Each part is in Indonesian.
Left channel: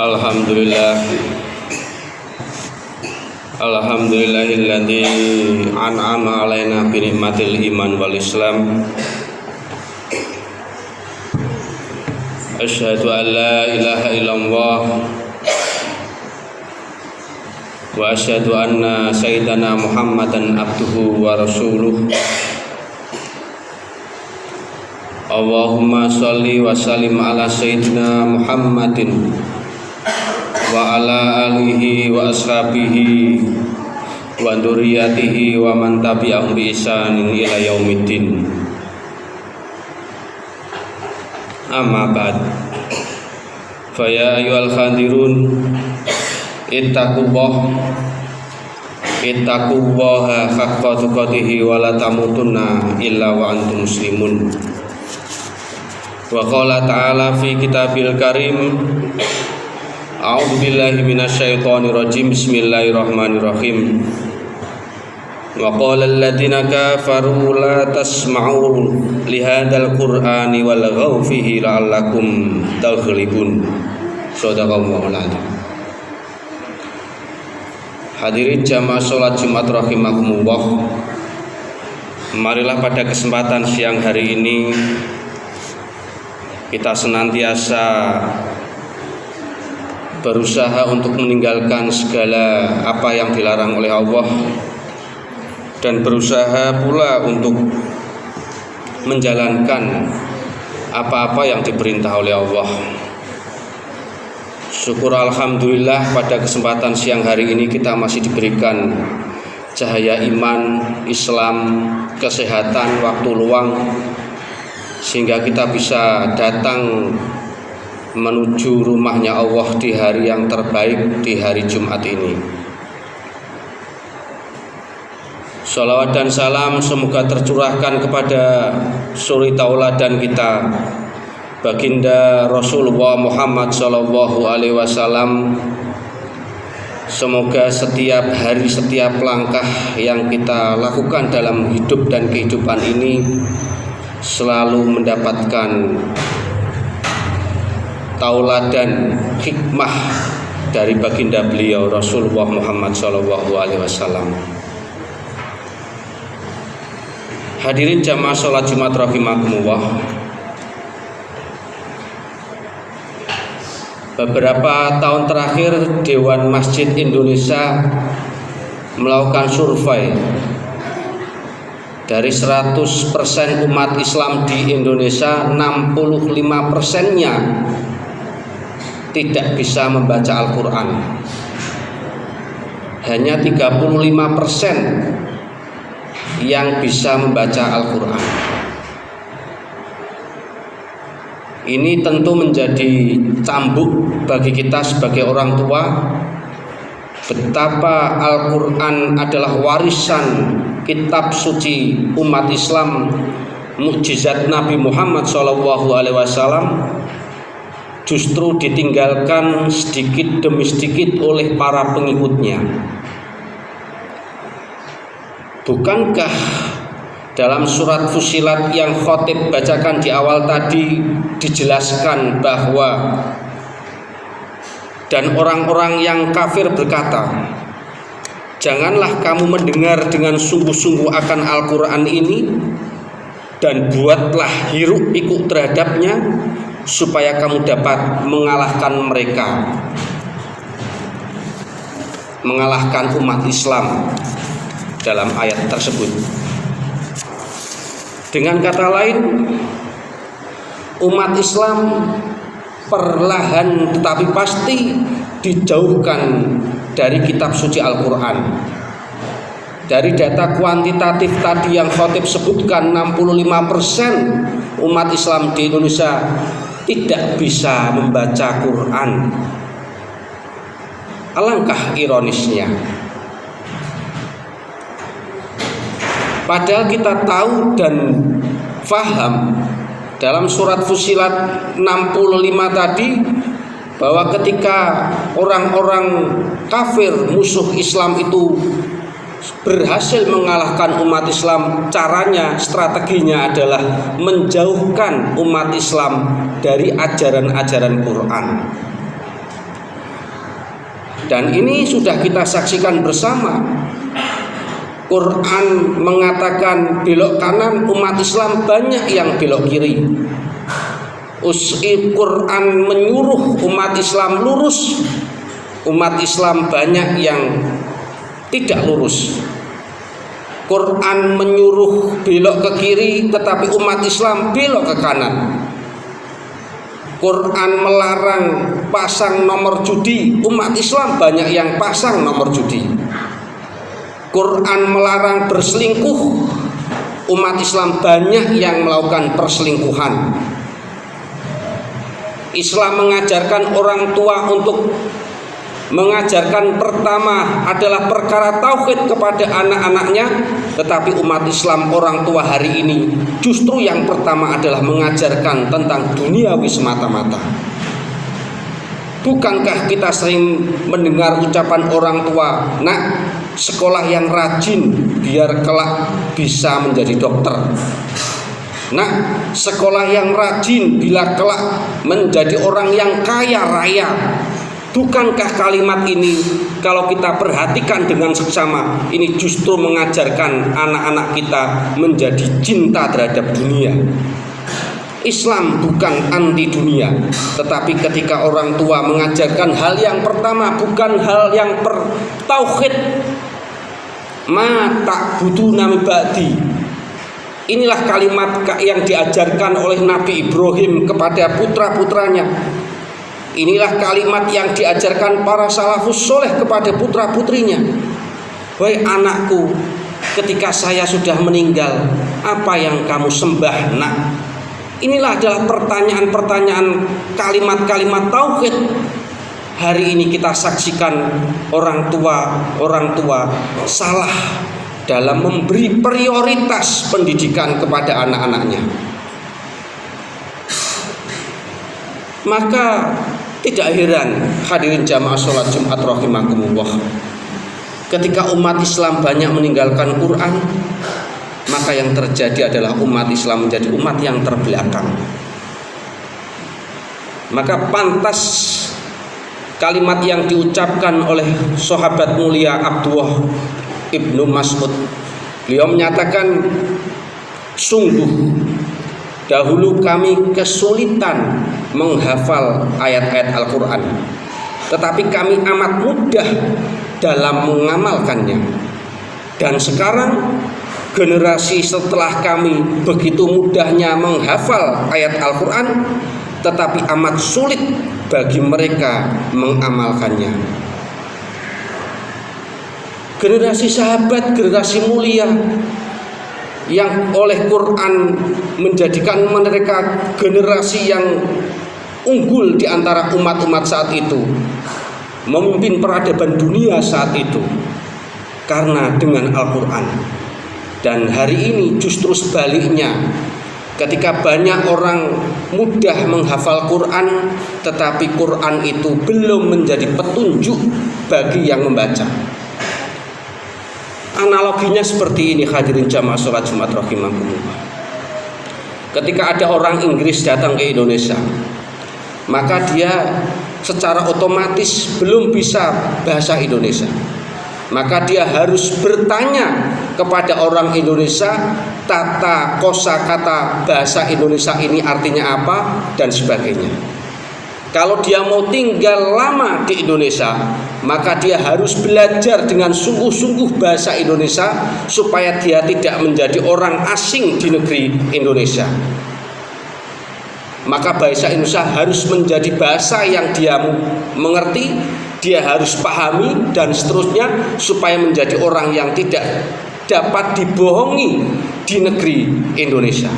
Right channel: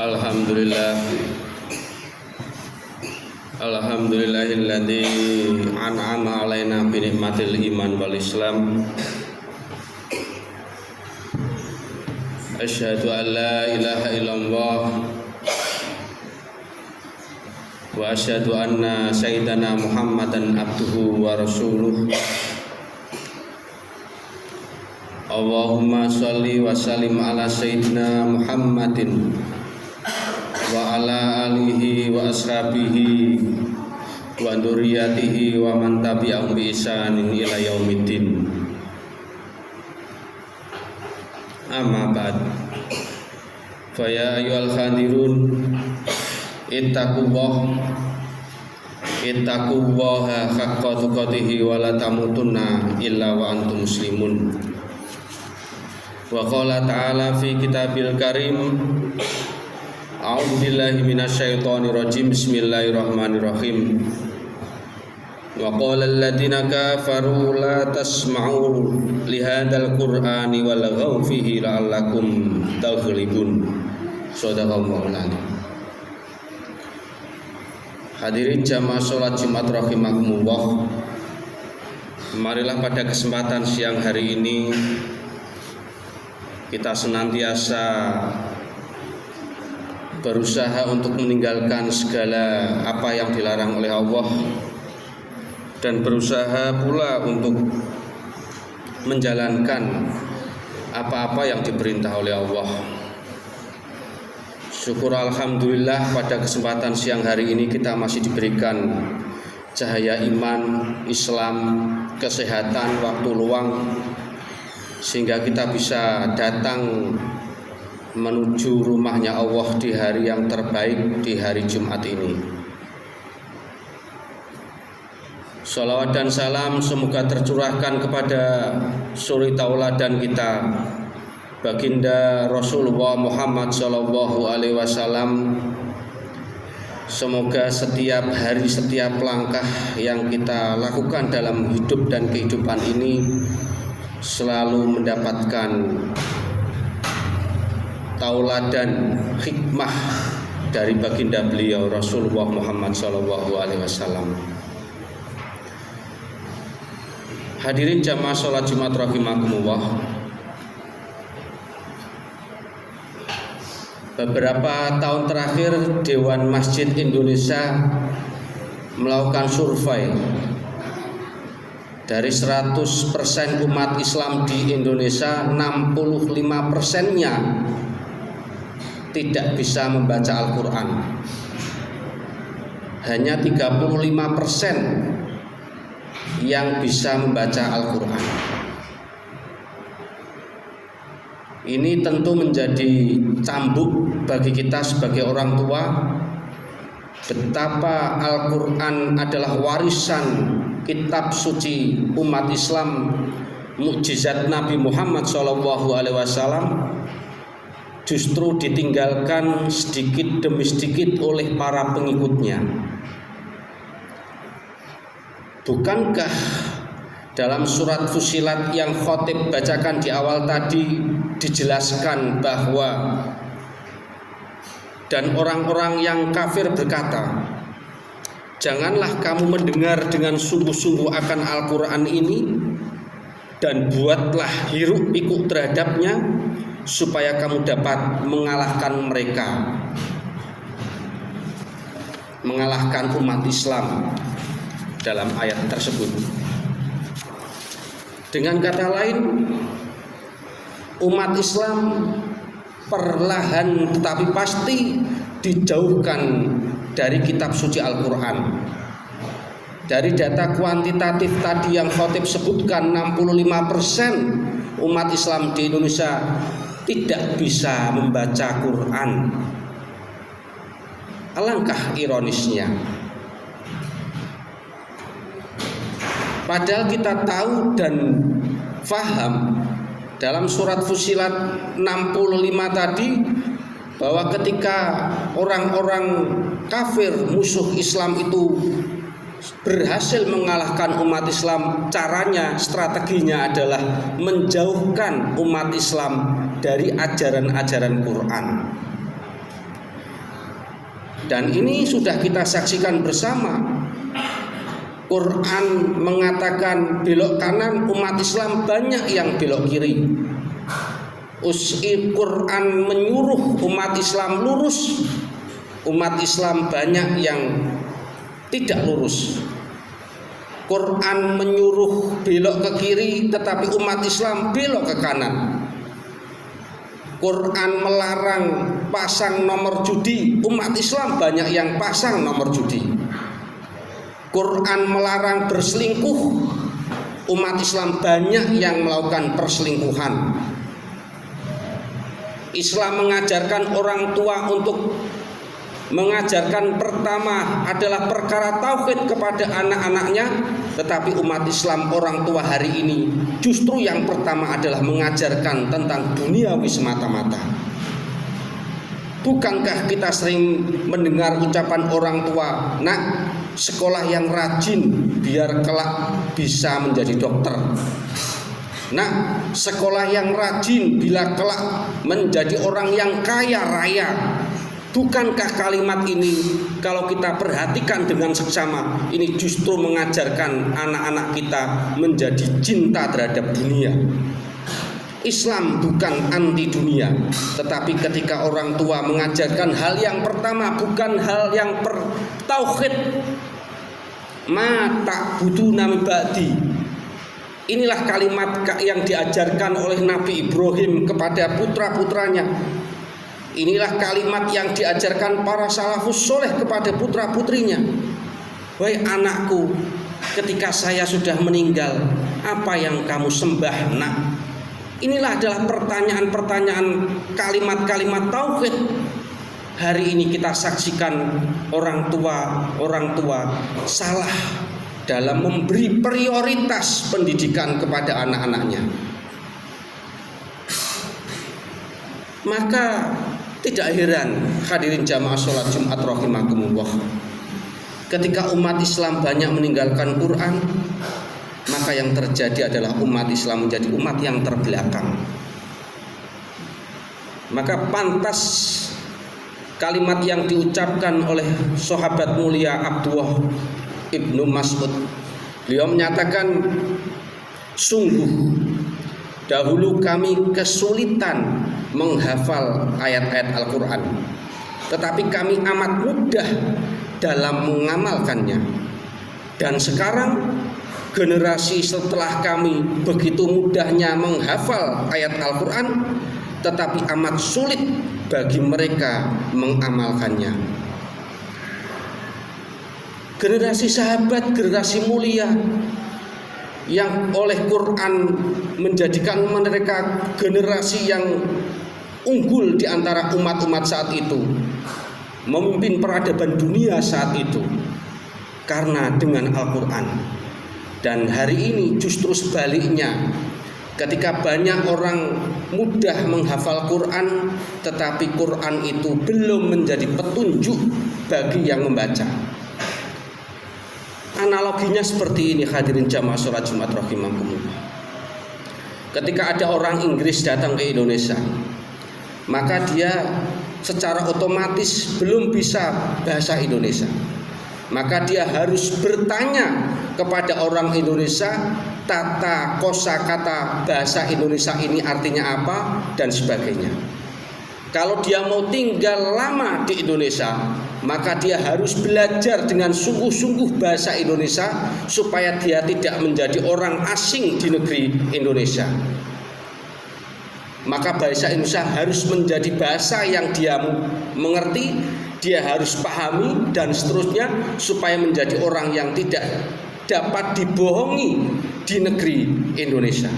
Alhamdulillah, alhamdulillahilladzi an'ama alaina bi nikmatil iman wal islam. Asyhadu an la ilaha illallah wa asyhadu anna sayyidana Muhammadan abduhu wa rasuluh. Allahumma sholli wa sallim ala sayyidina Muhammadin wa ala alihi wa ashabihi wa dzurriyyatihi wa man tabi'ahum bi ihsanin ila yaumiddin. Amma ba'd. Fa ya ayyuhal khadirun ittaqullaha haqqa tuqatih wa la tamutunna illa wa antum muslimun. Wa qala ta'ala fi kitabil karim, a'udzu billahi minasyaitonir rajim. Bismillahirrahmanirrahim. Wa qala alladziina kafaru la tasma'u li hadzal qur'ani walghaw fihi la'allakum taghlibun. Shadaqallahul adzim. Hadirin jamaah salat Jumat rahimakumullah. Marilah pada kesempatan siang hari ini kita senantiasa berusaha untuk meninggalkan segala apa yang dilarang oleh Allah dan berusaha pula untuk menjalankan apa-apa yang diperintah oleh Allah. Syukur alhamdulillah pada kesempatan siang hari ini kita masih diberikan cahaya iman, Islam, kesehatan, waktu luang, sehingga kita bisa datang menuju rumahnya Allah di hari yang terbaik, di hari Jumat ini. Shalawat dan salam semoga tercurahkan kepada suri tauladan kita, baginda Rasulullah Muhammad sallallahu alaihi wasallam. Semoga setiap hari, setiap langkah yang kita lakukan dalam hidup dan kehidupan ini selalu mendapatkan tauladan hikmah dari baginda beliau Rasulullah Muhammad sallallahu alaihi wasallam. Hadirin jamaah salat Jumat rahimakumullah. Beberapa tahun terakhir Dewan Masjid Indonesia melakukan survei. Dari 100% umat Islam di Indonesia, 65%-nya tidak bisa membaca Al-Quran. Hanya 35% yang bisa membaca Al-Quran. Ini tentu menjadi cambuk bagi kita sebagai orang tua, betapa Al-Quran adalah warisan kitab suci umat Islam, mukjizat Nabi Muhammad SAW, justru ditinggalkan sedikit demi sedikit oleh para pengikutnya. Bukankah dalam surat Fussilat yang khotib bacakan di awal tadi dijelaskan bahwa dan orang-orang yang kafir berkata, janganlah kamu mendengar dengan sungguh-sungguh akan Al-Quran ini, dan buatlah hiruk pikuk terhadapnya supaya kamu dapat mengalahkan mereka, mengalahkan umat Islam dalam ayat tersebut. Dengan kata lain, umat Islam perlahan tetapi pasti dijauhkan dari kitab suci Al-Quran. Dari data kuantitatif tadi yang khotib sebutkan, 65% umat Islam di Indonesia tidak bisa membaca Quran. Alangkah ironisnya. Padahal kita tahu dan faham dalam surat Fussilat 65 tadi bahwa ketika orang-orang kafir musuh Islam itu berhasil mengalahkan umat Islam, caranya, strateginya adalah menjauhkan umat Islam dari ajaran-ajaran Quran. Dan ini sudah kita saksikan bersama. Quran mengatakan belok kanan, umat Islam banyak yang belok kiri. Quran menyuruh umat Islam lurus, umat Islam banyak yang tidak lurus. Quran menyuruh belok ke kiri, tetapi umat Islam belok ke kanan. Quran melarang pasang nomor judi, umat Islam banyak yang pasang nomor judi. Quran melarang berselingkuh, umat Islam banyak yang melakukan perselingkuhan. Islam mengajarkan orang tua untuk mengajarkan pertama adalah perkara tauhid kepada anak-anaknya, tetapi umat Islam orang tua hari ini justru yang pertama adalah mengajarkan tentang duniawi semata-mata. Bukankah kita sering mendengar ucapan orang tua, "Nak, sekolah yang rajin biar kelak bisa menjadi dokter. Nak, sekolah yang rajin bila kelak menjadi orang yang kaya raya." Bukankah kalimat ini kalau kita perhatikan dengan seksama, ini justru mengajarkan anak-anak kita menjadi cinta terhadap dunia. Islam bukan anti dunia, tetapi ketika orang tua mengajarkan hal yang pertama bukan hal yang tauhid, ma ta'buduna min ba'di. Inilah kalimat yang diajarkan oleh Nabi Ibrahim kepada putra-putranya. Inilah kalimat yang diajarkan para salafus soleh kepada putra-putrinya. Wahai anakku, ketika saya sudah meninggal, apa yang kamu sembah, nak? Inilah adalah pertanyaan-pertanyaan, kalimat-kalimat tauhid. Hari ini kita saksikan orang tua salah dalam memberi prioritas pendidikan kepada anak-anaknya. Maka tidak heran hadirin jamaah sholat Jumat rahimakumullah, ketika umat Islam banyak meninggalkan Quran, maka yang terjadi adalah umat Islam menjadi umat yang terbelakang. Maka pantas kalimat yang diucapkan oleh sahabat mulia Abdullah ibnu Mas'ud. Beliau menyatakan, sungguh dahulu kami kesulitan menghafal ayat-ayat Al-Quran, tetapi kami amat mudah dalam mengamalkannya. Dan sekarang generasi setelah kami begitu mudahnya menghafal ayat Al-Quran, tetapi amat sulit bagi mereka mengamalkannya. Generasi sahabat, generasi mulia yang oleh Quran menjadikan mereka generasi yang unggul di antara umat-umat saat itu, memimpin peradaban dunia saat itu karena dengan Al-Quran. Dan hari ini justru sebaliknya, ketika banyak orang mudah menghafal Quran, tetapi Quran itu belum menjadi petunjuk bagi yang membaca. Analoginya seperti ini hadirin jamaah sholat Jumat rahimakumullah. Ketika ada orang Inggris datang ke Indonesia, maka dia secara otomatis belum bisa bahasa Indonesia. Maka dia harus bertanya kepada orang Indonesia tata kosakata bahasa Indonesia ini artinya apa dan sebagainya. Kalau dia mau tinggal lama di Indonesia, maka dia harus belajar dengan sungguh-sungguh bahasa Indonesia supaya dia tidak menjadi orang asing di negeri Indonesia. Maka bahasa Indonesia harus menjadi bahasa yang dia mengerti, dia harus pahami dan seterusnya, supaya menjadi orang yang tidak dapat dibohongi di negeri Indonesia.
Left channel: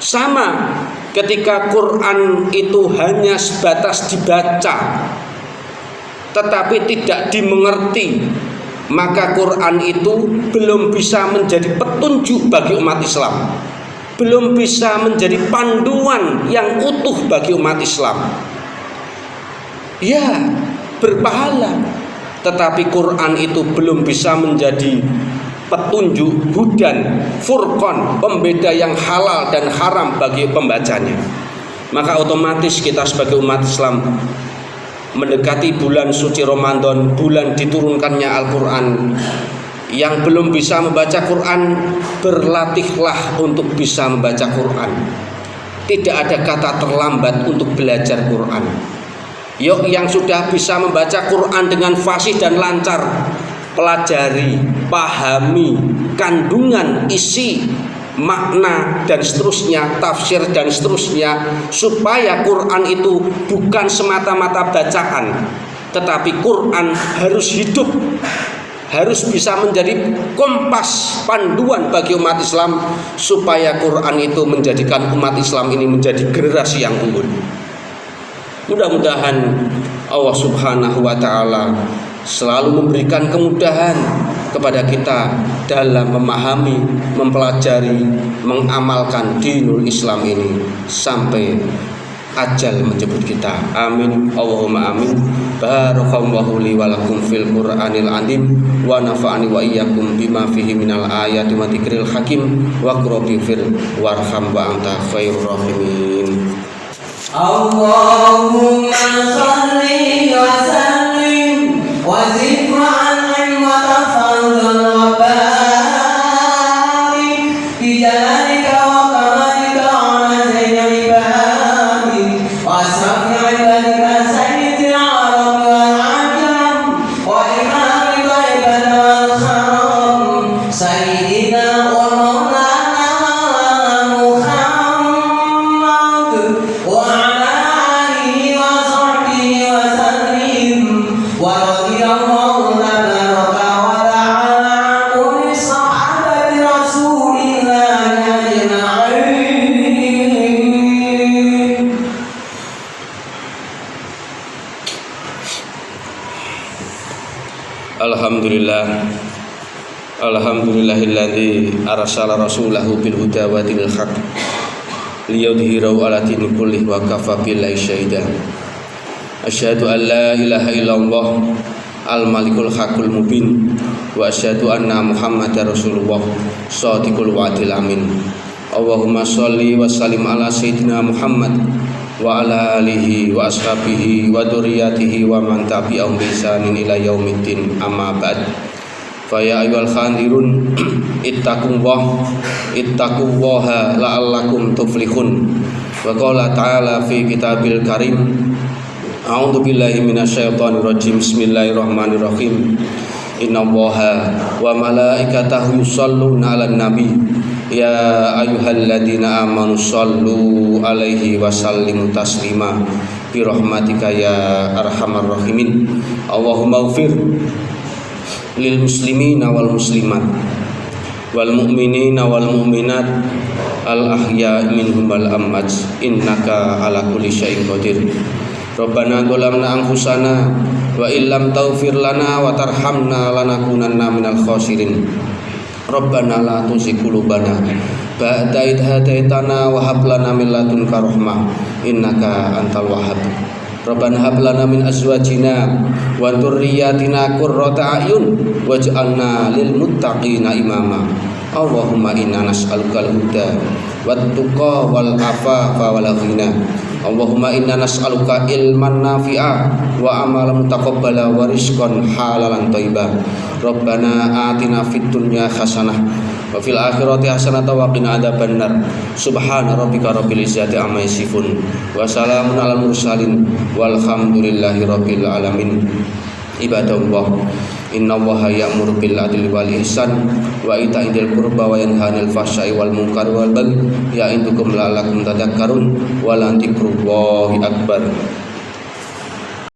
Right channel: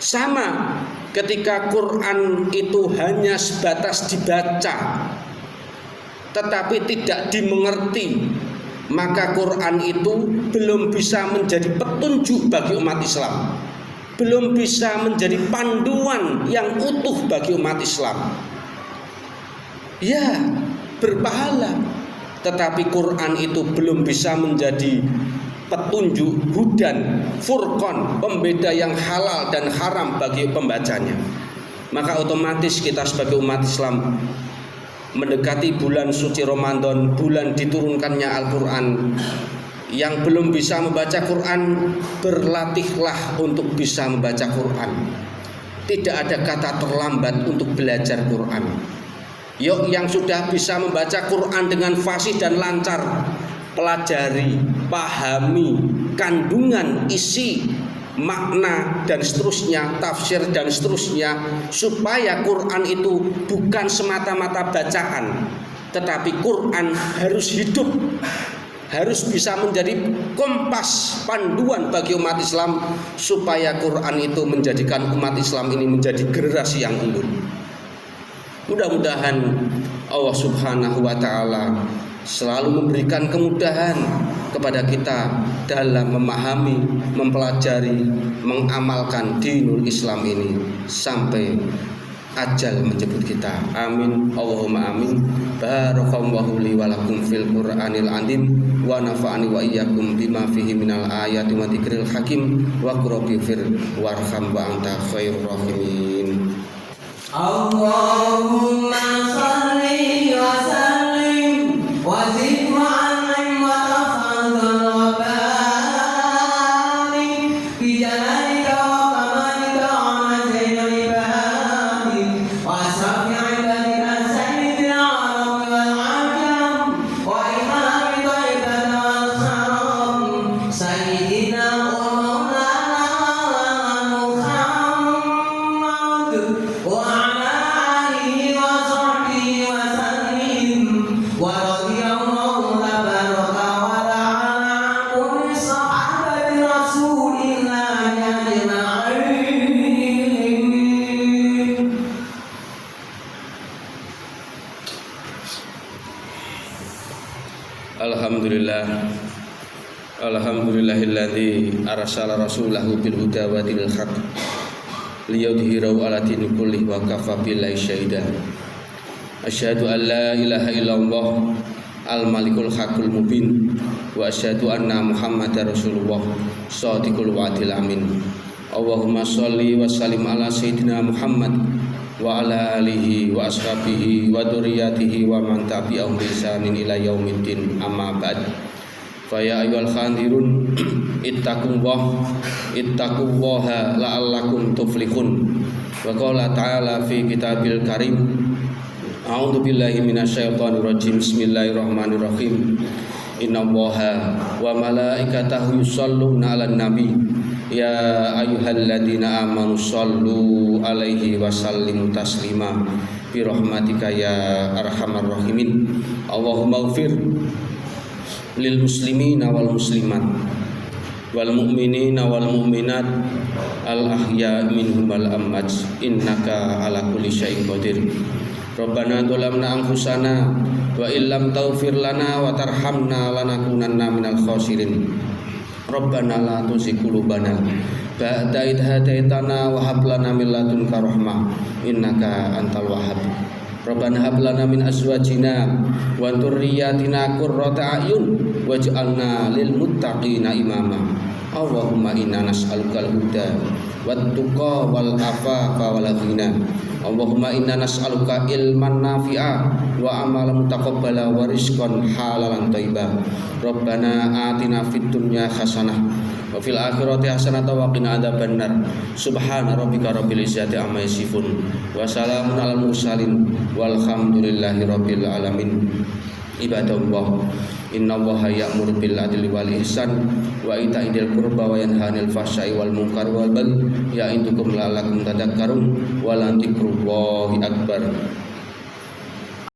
Sama ketika Quran itu hanya sebatas dibaca tetapi tidak dimengerti, maka Quran itu belum bisa menjadi petunjuk bagi umat Islam, belum bisa menjadi panduan yang utuh bagi umat Islam. Ya, berpahala, tetapi Quran itu belum bisa menjadi petunjuk, hudan, furqan, pembeda yang halal dan haram bagi pembacanya. Maka otomatis kita sebagai umat Islam mendekati bulan suci Ramadan, bulan diturunkannya Al-Quran. Yang belum bisa membaca Quran, berlatihlah untuk bisa membaca Quran. Tidak ada kata terlambat untuk belajar Quran. Yuk, yang sudah bisa membaca Quran dengan fasih dan lancar, pelajari, pahami kandungan, isi, makna dan seterusnya, tafsir dan seterusnya, supaya Quran itu bukan semata-mata bacaan, tetapi Quran harus hidup, harus bisa menjadi kompas panduan bagi umat Islam, supaya Quran itu menjadikan umat Islam ini menjadi generasi yang unggul. Mudah-mudahan Allah Subhanahu wa ta'ala selalu memberikan kemudahan kepada kita dalam memahami, mempelajari, mengamalkan dinul Islam ini sampai ajal menjemput kita. Amin, Allahumma amin. Barakallahu li wa lakum fil Qur'anil azim wa nafa'ani wa iyyakum bima fihi minal ayati wa dzikril hakim wa qrobi fir warham wa anta khairur rahimin. Allahumma shalli wa sallim wa zid wa an'im wa tafadhal wa barik bi jalalika wa kamalika ala zainal ibadi wa asrafi ibadika sayyidil arab wal ajam wa imamil ibad wal haram sayyidina wa maulana Muhammad wa Alhamdulillahilladzi arsala rasulahu bil huda wa dinil haq liyudhhirahu 'ala dini kullih wa kafa billahi syahida. Asyhadu an la ilaha illallah al-malikul haqqul mubin wa asyhadu anna muhammadar rasulullah shadiqul wa'dil amin. Allahumma shalli wa sallim ala sayyidina Muhammad wa ala alihi wa ashabihi wa dzurriyyatihi wa man tabi'ahum bi ihsanin ila yaumiddin, amma ba'd. Fa ya ayyuhal khandirun ittaqullaha la'allakum tuflihun. Wa qala ta'ala fi kitabil karim, a'udzu billahi minasyaitonir rajim, bismillahirrahmanirrahim. Innallaha wa malaikatahu yusholluna 'alan nabi ya ayyuhalladzina amanu shollu 'alaihi wa sallimu taslima bi rahmatika ya arhamar rahimin. Allahumma ighfir lil muslimina wal muslimat wal mu'minina wal mu'minat al ahya minhum wal amwat innaka ala kulli syai'in qadir. Rabbana dhalamna anfusana wa illam taghfir lana wa tarhamna lanakunanna minal khasirin. Rabbana la tuzigh qulubana ba'da idh hadaitana wa hab lana min ladunka rahmah innaka antal wahhab. Rabbana hab lana min azwajina wa dzurriyyatina qurrata a'yun waj'alna lil muttaqina imama. Allahumma inna nas'alukal huda wat tuqa wal afafa wal ghina. Allahumma inna nas'aluka ilman nafi'a wa amalan mutaqabbala wa rizqan halalan thayyiban. Rabbana atina fid dunya hasanah wa fil akhirati hasanah wa qina adzabannar. Subhana rabbika rabbil izzati amma yasifun wa salamun alal mursalin walhamdulillahi rabbil alamin. Ibadallah, innallaha ya'muru bil adli wal ihsan wa ita'i dzil qurba wa yanha 'anil fahsya'i wal munkari wal baghi ya'idukum la'allakum tadhakkarun wa la dzikrullahi akbar.